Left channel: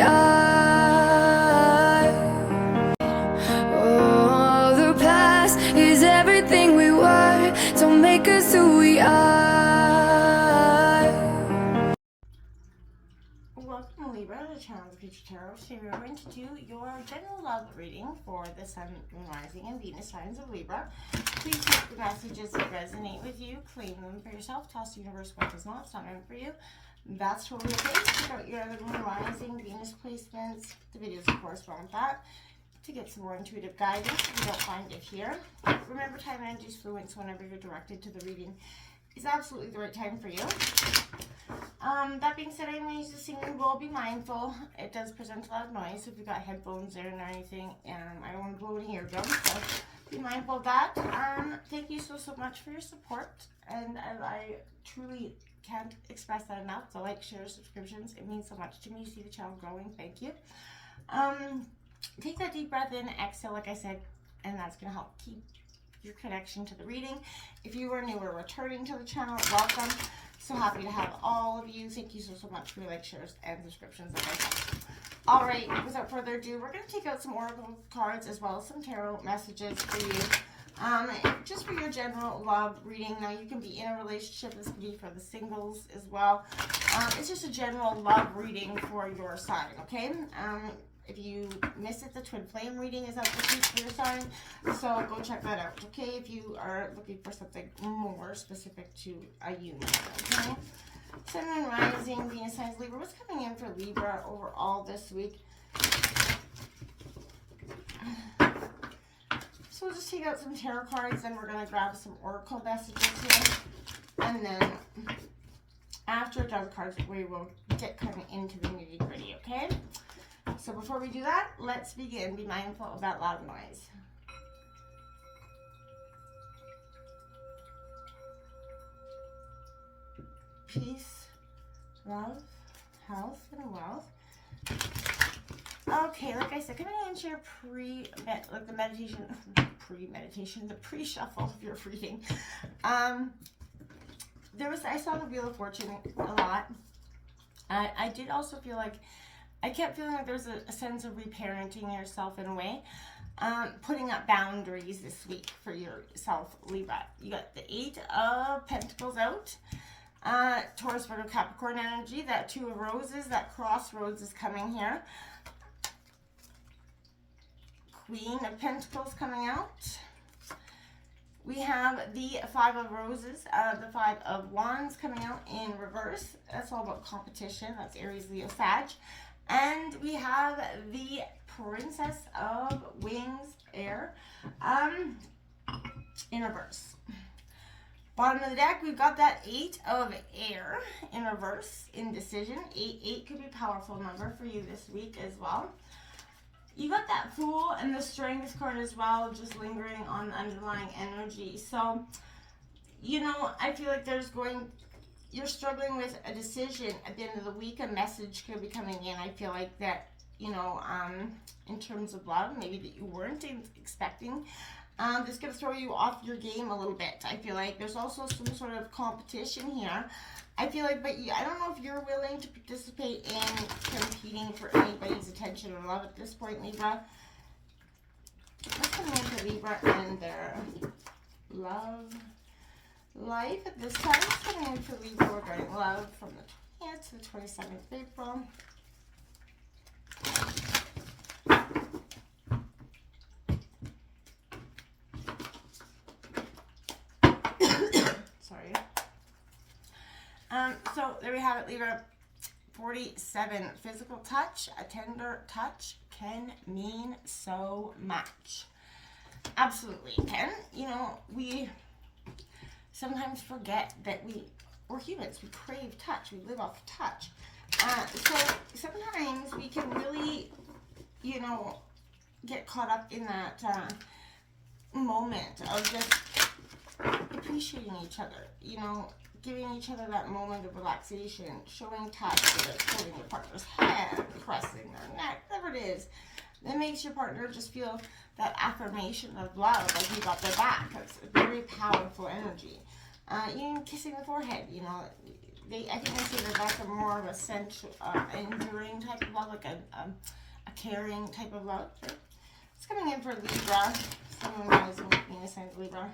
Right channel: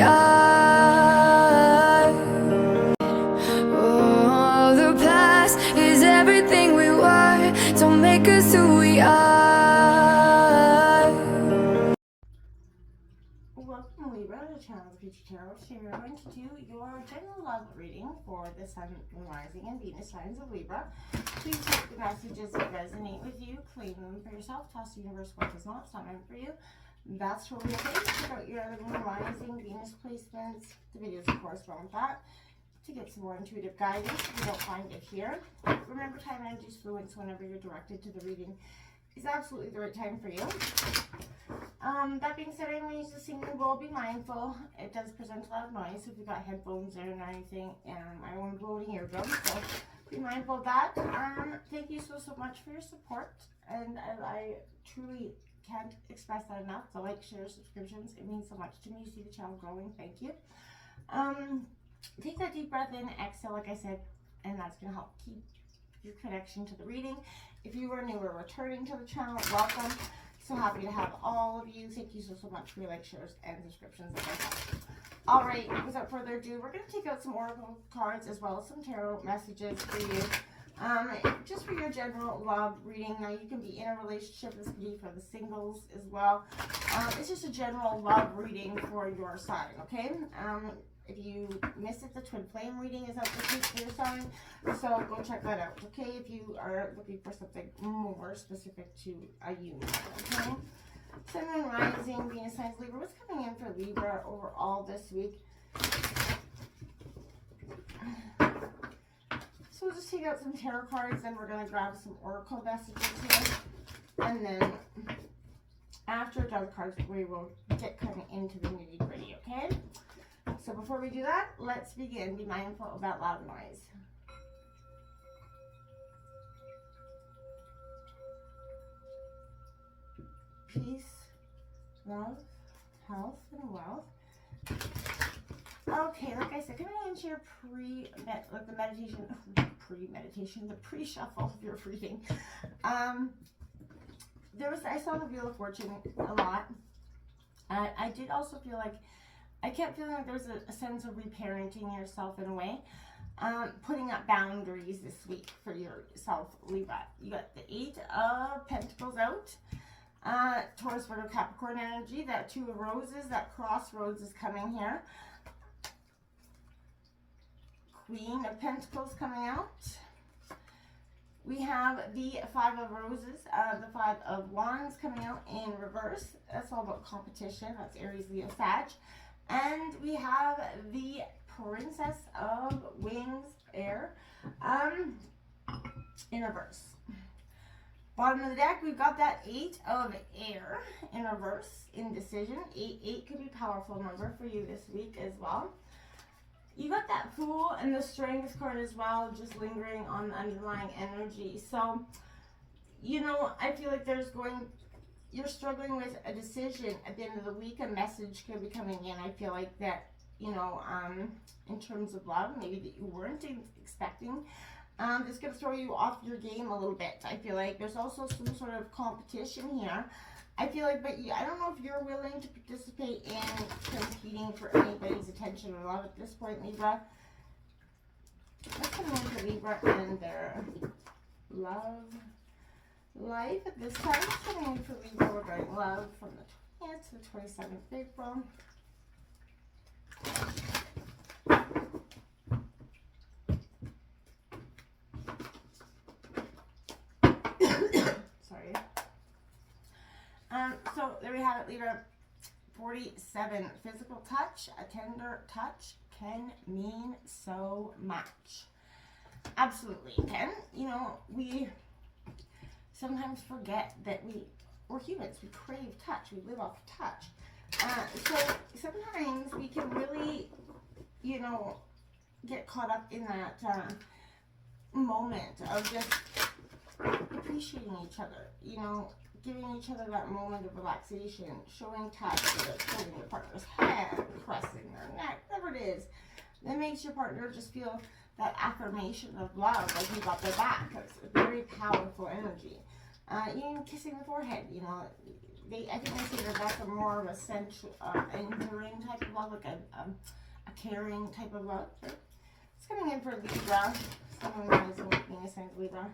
we are. Oh, the past is everything we were. Don't make us who we are. Welcome, Libra, to the channel of the Future Tarot. Today we are going to do your general love reading for the Sun, Moon, Rising, and Venus signs of Libra. Please take the messages that resonate with you, claim them for yourself, toss the universe what does not, it's not meant for you. That's totally okay. Check out your other Moon, Rising, Venus placements, the videos that correspond with that, to get some more intuitive guidance if you don't find it here. Remember, time and energy is fluent, so whenever you're directed to the reading is absolutely the right time for you. That being said, I'm going to use the singing bowl. Be mindful. It does present a lot of noise, so if you've got headphones in or anything, I don't want to blow any eardrums, so be mindful of that. Thank you so much for your support, and I truly can't express that enough. The like, share, subscriptions, it means so much to me to see the channel growing. Thank you. Take that deep breath in, exhale, like I said, and that's going to help keep your connection to the reading. If you are new or returning to the channel, welcome. So happy to have all of you. Thank you so much for your like, shares, and subscriptions. All right, without further ado, we're going to take out some oracle cards as well as some tarot messages for you. Just for your general love reading. Now, you can be in a relationship. This can be for the singles as well. It's just a general love reading for your sign, okay? If you miss it, the twin flame reading is out this week for your sign, so go check that out, okay? If you are looking for something more specific to a union, okay? Sun, Moon, Rising, Venus signs, Libra. What's coming in for Libra overall this week? So we'll just take out some tarot cards, and we're going to grab some oracle messages here, and then after the cards, we will get kind of into the nitty-gritty, okay? So before we do that, let's begin. Be mindful of that loud noise. Peace, love, health, and wealth. Okay, like I said, coming into your the pre-shuffle of your reading. I saw the Wheel of Fortune a lot. I did also feel like I kept feeling like there's a sense of reparenting yourself in a way. Putting up boundaries this week for yourself, Libra. You got the 8 of Pentacles out. Taurus, Virgo, Capricorn energy. That 2 of Roses, that crossroads is coming here. Queen of Pentacles coming out. We have the 5 of Roses, the 5 of Wands coming out in reverse. That's all about competition. That's Aries, Leo, Sag. And we have the Princess of Wings, Air, in reverse. Bottom of the deck, we've got that 8 of Air in reverse, indecision. 8 could be a powerful number for you this week as well. You got that Fool and the Strength card as well, just lingering on the underlying energy. So, you know, I feel like you're struggling with a decision at the end of the week. A message could be coming in. I feel like that, you know, in terms of love, maybe that you weren't expecting. This could throw you off your game a little bit. I feel like there's also some sort of competition here. I feel like, but I don't know if you're willing to participate in competing for anybody's attention or love at this point, Libra. What's coming in for Libra and their love life at this time? What's coming in for Libra regarding love from the 20th to the 27th of April? Sorry. So there we have it, Libra. 47. Physical touch, a tender touch can mean so much. Absolutely can. You know, we sometimes forget that we're humans. We crave touch. We live off touch. So sometimes we can really, you know, get caught up in that moment of just appreciating each other, you know, giving each other that moment of relaxation, showing touch, whether it's holding your partner's hand, caressing their neck, whatever it is, that makes your partner just feel that affirmation of love, like you got their back. That's a very powerful energy. Even kissing the forehead, you know, I think they say that that's a more of a sensual, enduring type of love, like a caring type of love. Right? It's coming in for Libra. Someone that is Venus sign Libra.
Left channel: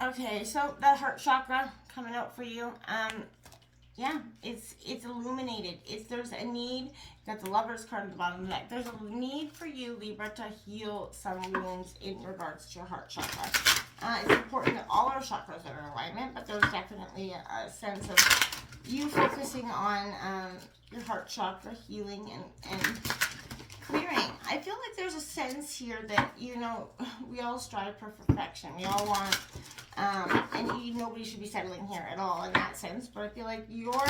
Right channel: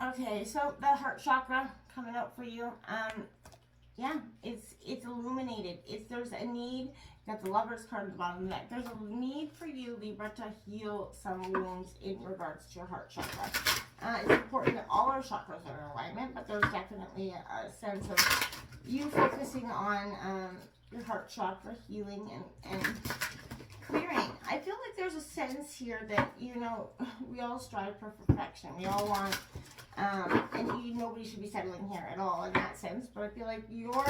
Okay, so that heart chakra coming out for you. Yeah, it's illuminated. There's a need. Got the Lover's card at the bottom of the deck. There's a need for you, Libra, to heal some wounds in regards to your heart chakra. It's important that all our chakras are in alignment, but there's definitely a sense of you focusing on your heart chakra, healing and clearing. I feel like there's a sense here that, you know, we all strive for perfection. We all want, and nobody should be settling here at all in that sense, but I feel like your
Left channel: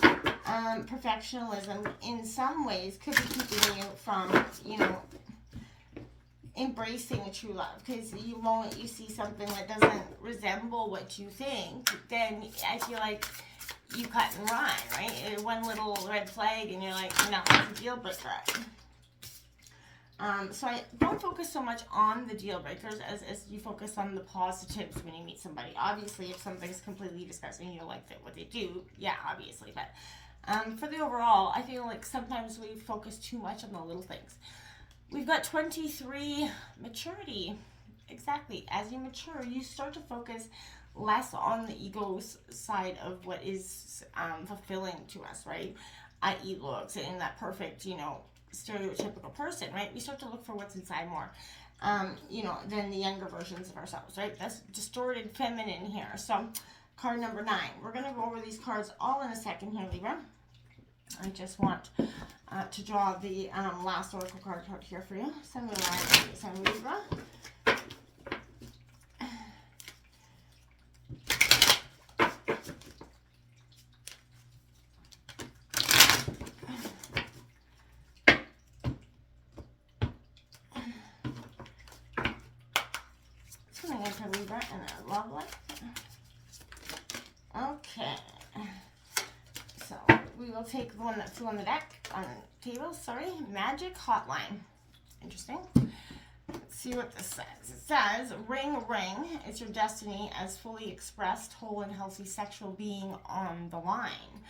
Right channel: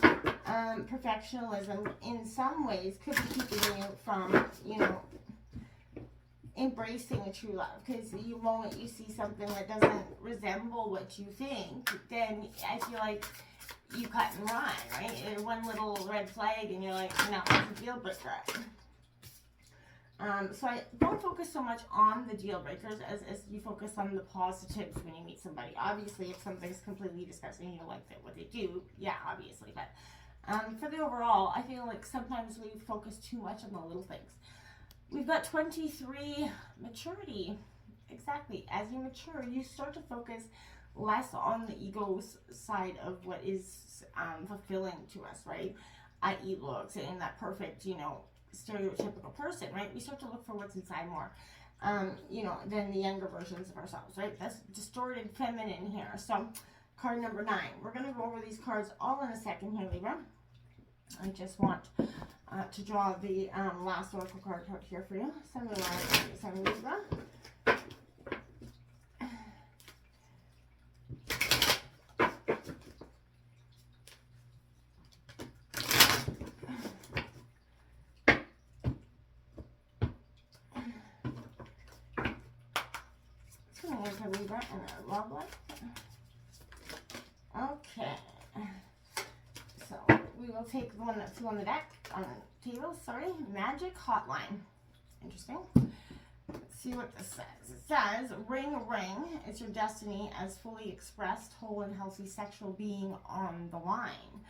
perfectionism in some ways could be keeping you from, you know, embracing a true love. Because the moment you see something that doesn't resemble what you think, then I feel like you cut and run, right? One little red flag and you're like, no, it's a deal breaker. So I don't focus so much on the deal breakers as you focus on the positives when you meet somebody. Obviously, if something's completely disgusting, you don't like what they do, yeah, obviously. But for the overall, I feel like sometimes we focus too much on the little things. We've got 23, maturity. Exactly. As you mature, you start to focus less on the ego side of what is fulfilling to us, right? I.e. looks and that perfect, you know, stereotypical person, right? We start to look for what's inside more, you know, than the younger versions of ourselves, right? That's distorted feminine here. So card number 9. We're going to go over these cards all in a second here, Libra. I just want to draw the last oracle card here for you. Sun, Libra. Libra and a love life. Okay. So we will take the one that's on the deck, on the table, sorry. Magic hotline. Interesting. Let's see what this says. It says, ring, ring. It's your destiny as fully expressed, whole and healthy sexual being on the line.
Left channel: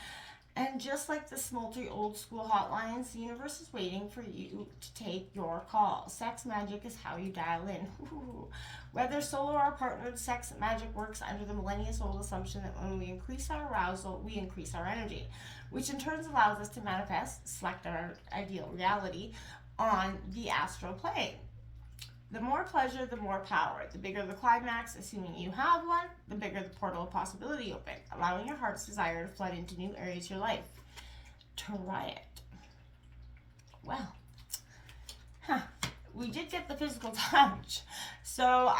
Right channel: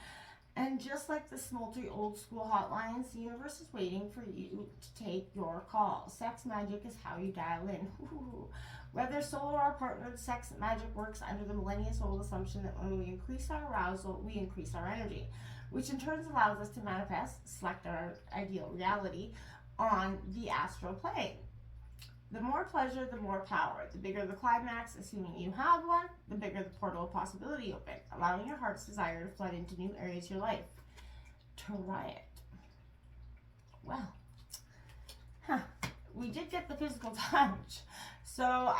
And just like the smolty old school hotlines, the universe is waiting for you to take your call. Sex magic is how you dial in. Ooh. Whether solo or partnered, sex magic works under the millennium-old assumption that when we increase our arousal, we increase our energy, which in turn allows us to manifest, select our ideal reality on the astral plane. The more pleasure, the more power. The bigger the climax, assuming you have one, the bigger the portal of possibility open, allowing your heart's desire to flood into new areas of your life. Try it. Well, we did get the physical touch. So,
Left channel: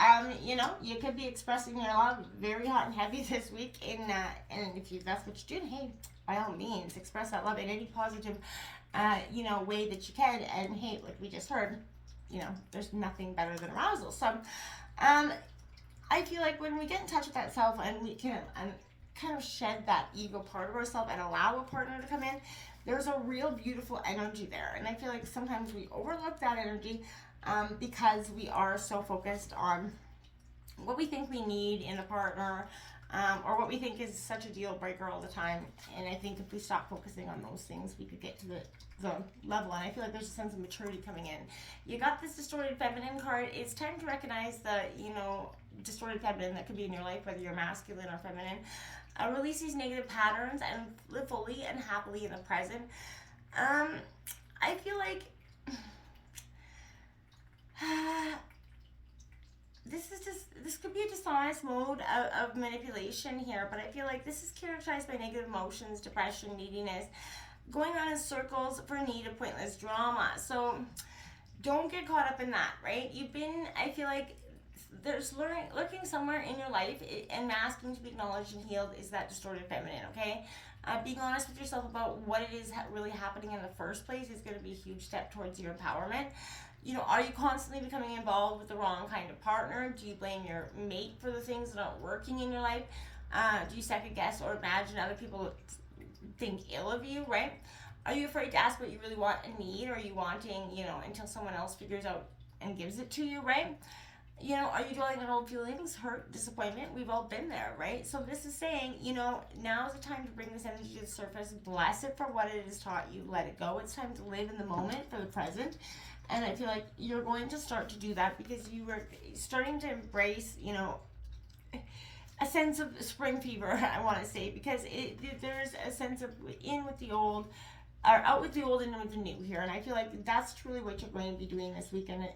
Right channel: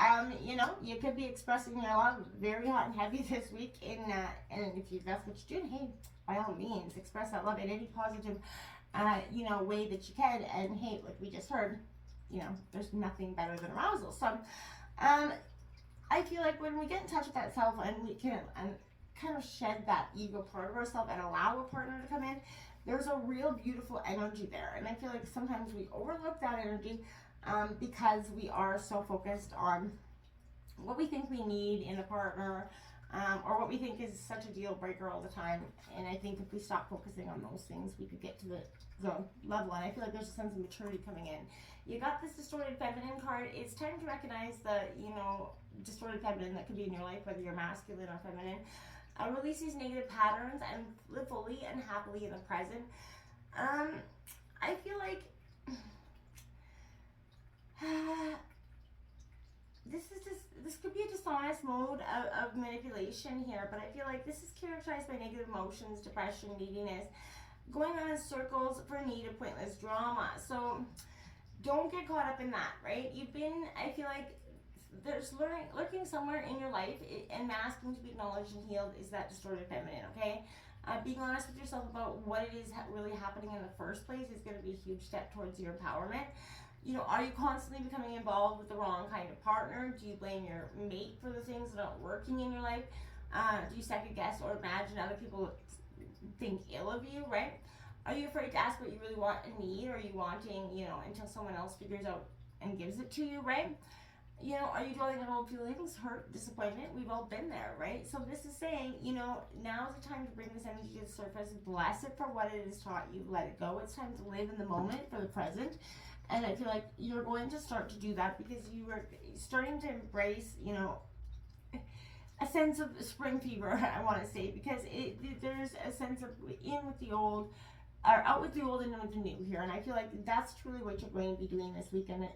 you know, you could be expressing your love very hot and heavy this week. And if that's what you're doing, hey, by all means, express that love in any positive, you know, way that you can. And hey, like we just heard, you know, there's nothing better than arousal. So, I feel like when we get in touch with that self and we can kind of shed that ego part of ourselves and allow a partner to come in, there's a real beautiful energy there. And I feel like sometimes we overlook that energy because we are so focused on what we think we need in a partner, or what we think is such a deal breaker all the time. And I think if we stop focusing on those things, we could get to the level. And I feel like there's a sense of maturity coming in. You got this distorted feminine card. It's time to recognize the, you know, distorted feminine that could be in your life, whether you're masculine or feminine. Release these negative patterns and live fully and happily in the present. I feel like this could be a dishonest mode of manipulation here, but I feel like this is characterized by negative emotions, depression, neediness, going on in circles for need of pointless drama. So don't get caught up in that, right? I feel like there's lurking somewhere in your life and asking to be acknowledged and healed is that distorted feminine, okay? Being honest with yourself about what it is really happening in the first place is going to be a huge step towards your empowerment. You know, are you constantly becoming involved with the wrong kind of partner? Do you blame your mate for the things that aren't working in your life? Do you second guess or imagine other people think ill of you, right? Are you afraid to ask what you really want and need? Or are you wanting, until someone else figures out and gives it to you, right? Are you dwelling on old feelings, hurt, disappointment? We've all been there, right? So this is saying, now is the time to bring this energy to the surface. Bless it for what it has taught you. Let it go. It's time to live in the moment, for the present. And I feel like you're going to start to do that because you are starting to embrace, a sense of spring fever, I want to say, because there's a sense of in with the old, or out with the old and in with the new here. And I feel like that's truly what you're going to be doing this weekend.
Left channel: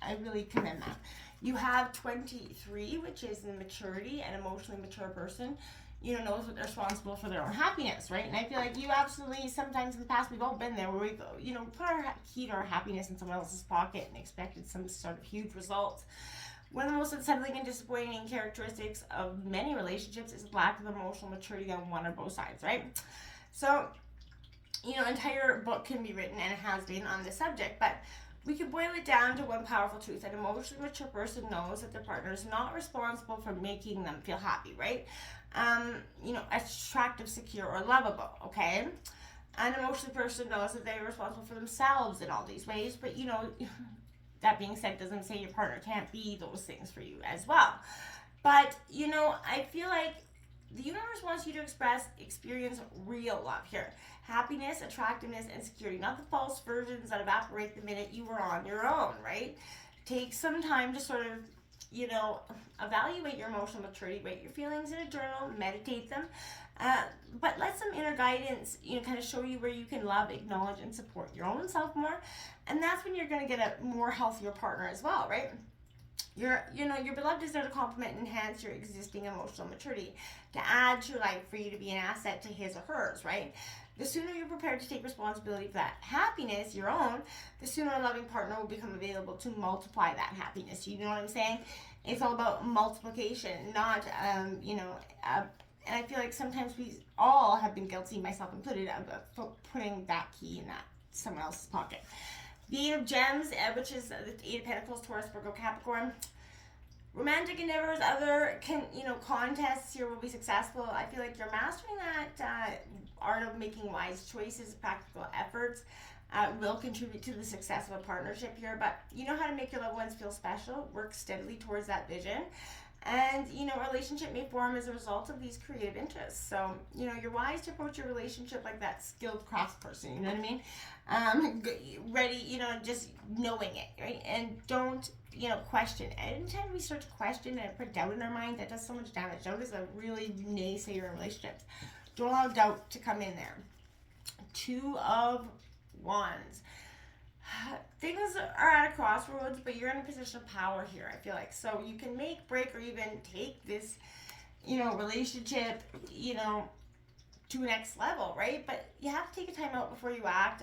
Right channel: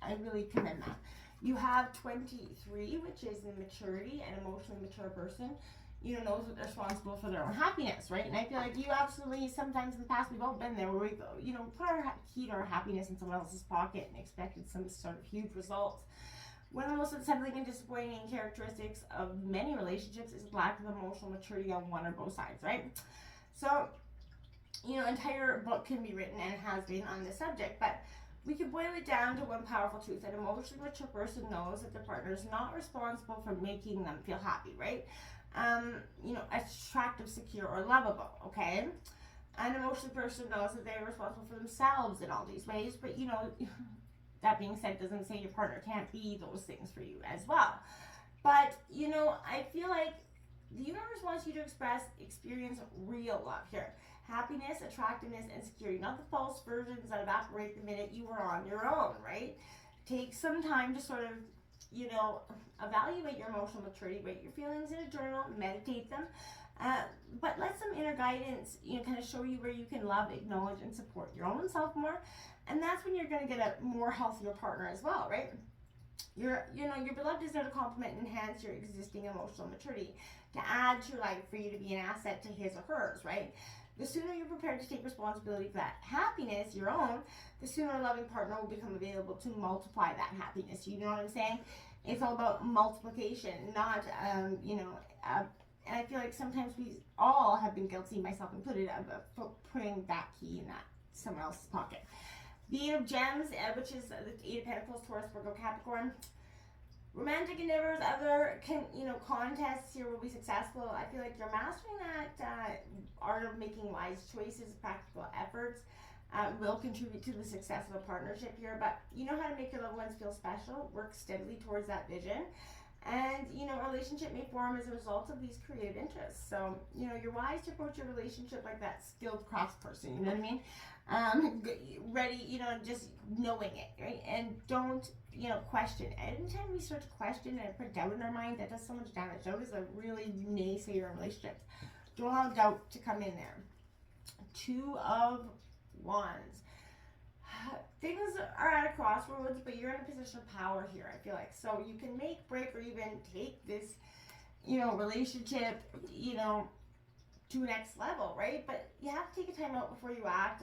I really commend that. You have 23, which is the maturity and emotionally mature person, knows what they're responsible for their own happiness, right? And I feel like you absolutely, sometimes in the past, we've all been there where we go, put our key to our happiness in someone else's pocket and expected some sort of huge results. One of the most unsettling and disappointing characteristics of many relationships is lack of emotional maturity on one or both sides, right? So, entire book can be written, and it has been, on this subject, but we can boil it down to one powerful truth. An emotionally mature person knows that their partner is not responsible for making them feel happy, right? Attractive, secure, or lovable, okay? An emotional person knows that they're responsible for themselves in all these ways, but that being said, doesn't say your partner can't be those things for you as well. But, I feel like the universe wants you to experience real love here. Happiness, attractiveness, and security, not the false versions that evaporate the minute you are on your own, right? Take some time to sort of, evaluate your emotional maturity, write your feelings in a journal, meditate them, but let some inner guidance, kind of show you where you can love, acknowledge, and support your own self more. And that's when you're going to get a more healthier partner as well, right? Your beloved is there to complement and enhance your existing emotional maturity, to add to your life for you to be an asset to his or hers, right? The sooner you're prepared to take responsibility for that happiness, your own, the sooner a loving partner will become available to multiply that happiness. You know what I'm saying? It's all about multiplication, not, and I feel like sometimes we all have been guilty, myself included, of putting that key in that someone else's pocket. The Eight of Gems, which is the Eight of Pentacles, Taurus, Virgo, Capricorn. Romantic endeavors, other contests here will be successful. I feel like you're mastering that art of making wise choices, practical efforts will contribute to the success of a partnership here. But you know how to make your loved ones feel special. Work steadily towards that vision. And, a relationship may form as a result of these creative interests. So, you're wise to approach your relationship like that skilled craftsperson, you know what I mean? Ready, just knowing it, right? And don't, question. Anytime we start to question and put doubt in our mind, that does so much damage. Doubt is a really naysayer in relationships. Don't allow doubt to come in there. Two of Wands. Things are at a crossroads, but you're in a position of power here, I feel like. So you can make, break, or even take this, relationship, to a next level, right? But you have to take a time out before you act.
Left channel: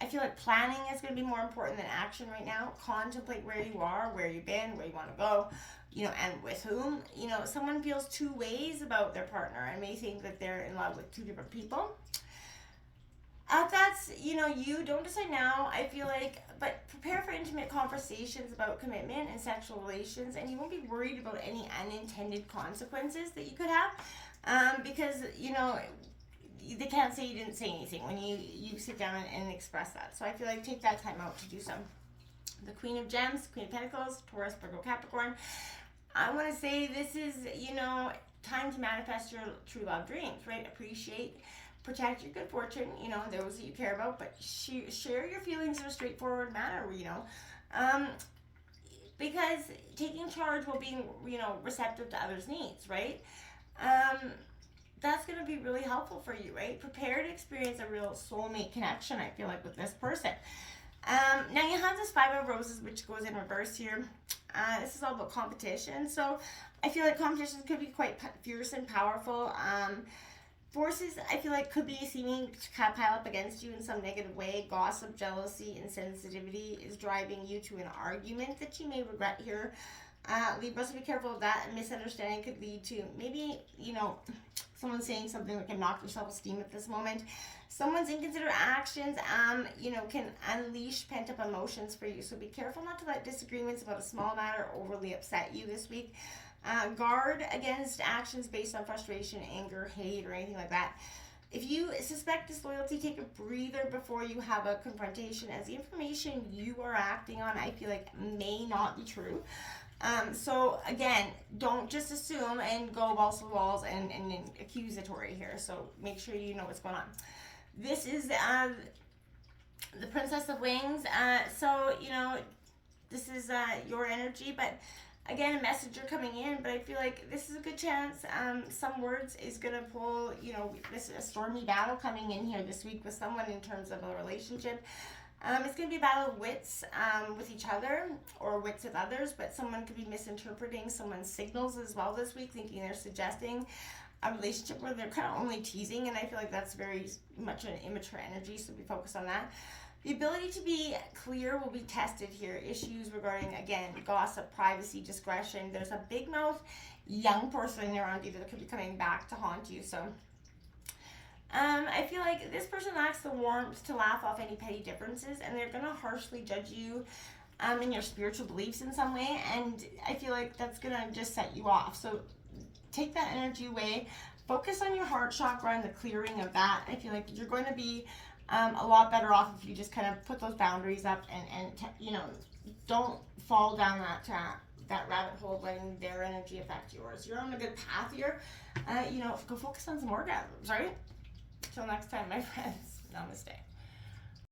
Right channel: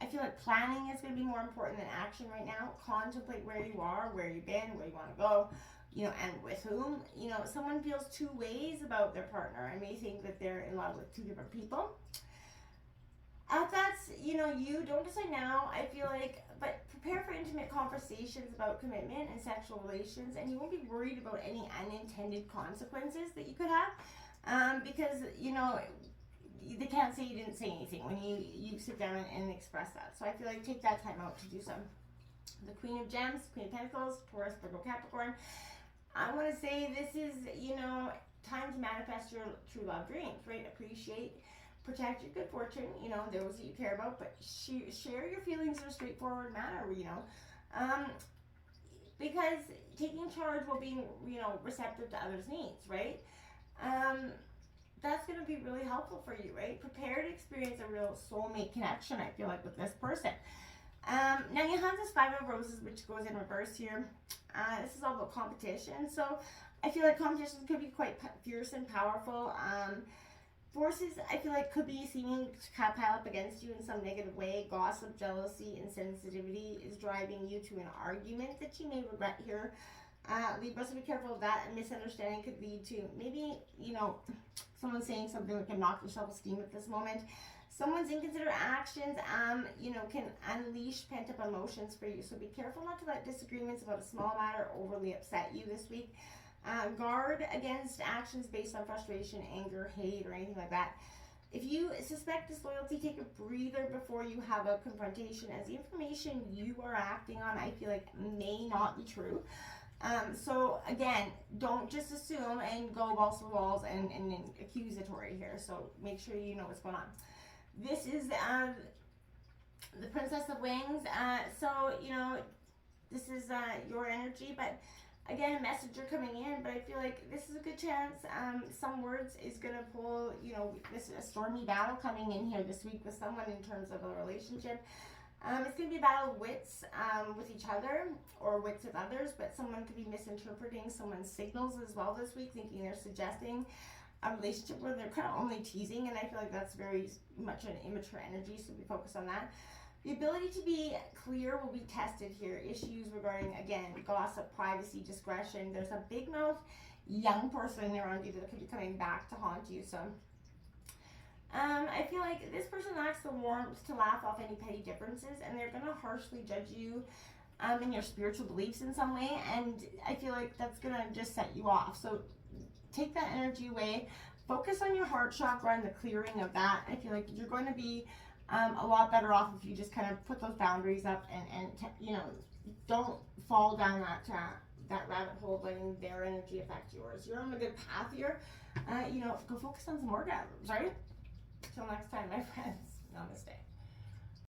I feel like planning is going to be more important than action right now. Contemplate where you are, where you've been, where you want to go, and with whom. Someone feels two ways about their partner and may think that they're in love with two different people. That's, you don't decide now, I feel like, but prepare for intimate conversations about commitment and sexual relations, and you won't be worried about any unintended consequences that you could have, because, they can't say you didn't say anything when you sit down and express that. So I feel like take that time out to do so. The Queen of Gems, Queen of Pentacles, Taurus, Virgo, Capricorn. I want to say this is, time to manifest your true love dreams, right? Appreciate, protect your good fortune, those that you care about, but share your feelings in a straightforward manner, because taking charge while being, receptive to others' needs, right? That's going to be really helpful for you, right? Prepare to experience a real soulmate connection, I feel like, with this person. Now you have this Five of Roses, which goes in reverse here. This is all about competition. So I feel like competition could be quite fierce and powerful. Forces, I feel like, could be seeming to pile up against you in some negative way. Gossip, jealousy, insensitivity is driving you to an argument that you may regret here. Libra, so be careful of that. A misunderstanding could lead to maybe, someone saying something that can knock your self-esteem at this moment. Someone's inconsiderate actions, can unleash pent-up emotions for you. So be careful not to let disagreements about a small matter overly upset you this week. Guard against actions based on frustration, anger, hate, or anything like that. If you suspect disloyalty, take a breather before you have a confrontation, as the information you are acting on, I feel like, may not be true. So again, don't just assume and go balls to the walls and accusatory here. So make sure you know what's going on. This is the Princess of Wings. So, you know, this is your energy, but again, a messenger coming in, but I feel like this is a good chance. Some words is going to pull, you know, this is a stormy battle coming in here this week with someone in terms of a relationship. It's going to be a battle of wits with each other or wits with others, but someone could be misinterpreting someone's signals as well this week, thinking they're suggesting a relationship where they're kind of only teasing, and I feel like that's very much an immature energy, so be focused on that. The ability to be clear will be tested here. Issues regarding, again, gossip, privacy, discretion. There's a big mouth young person around you that could be coming back to haunt you, so I feel like this person lacks the warmth to laugh off any petty differences, and they're going to harshly judge you in your spiritual beliefs in some way, and I feel like that's going to just set you off. So take that energy away. Focus on your heart chakra and the clearing of that. I feel like you're going to be a lot better off if you just kind of put those boundaries up and you know, don't fall down that rabbit hole letting their energy affect yours. You're on a good path here. You know, go focus on some orgasms, right? Till next time, my friends. Namaste.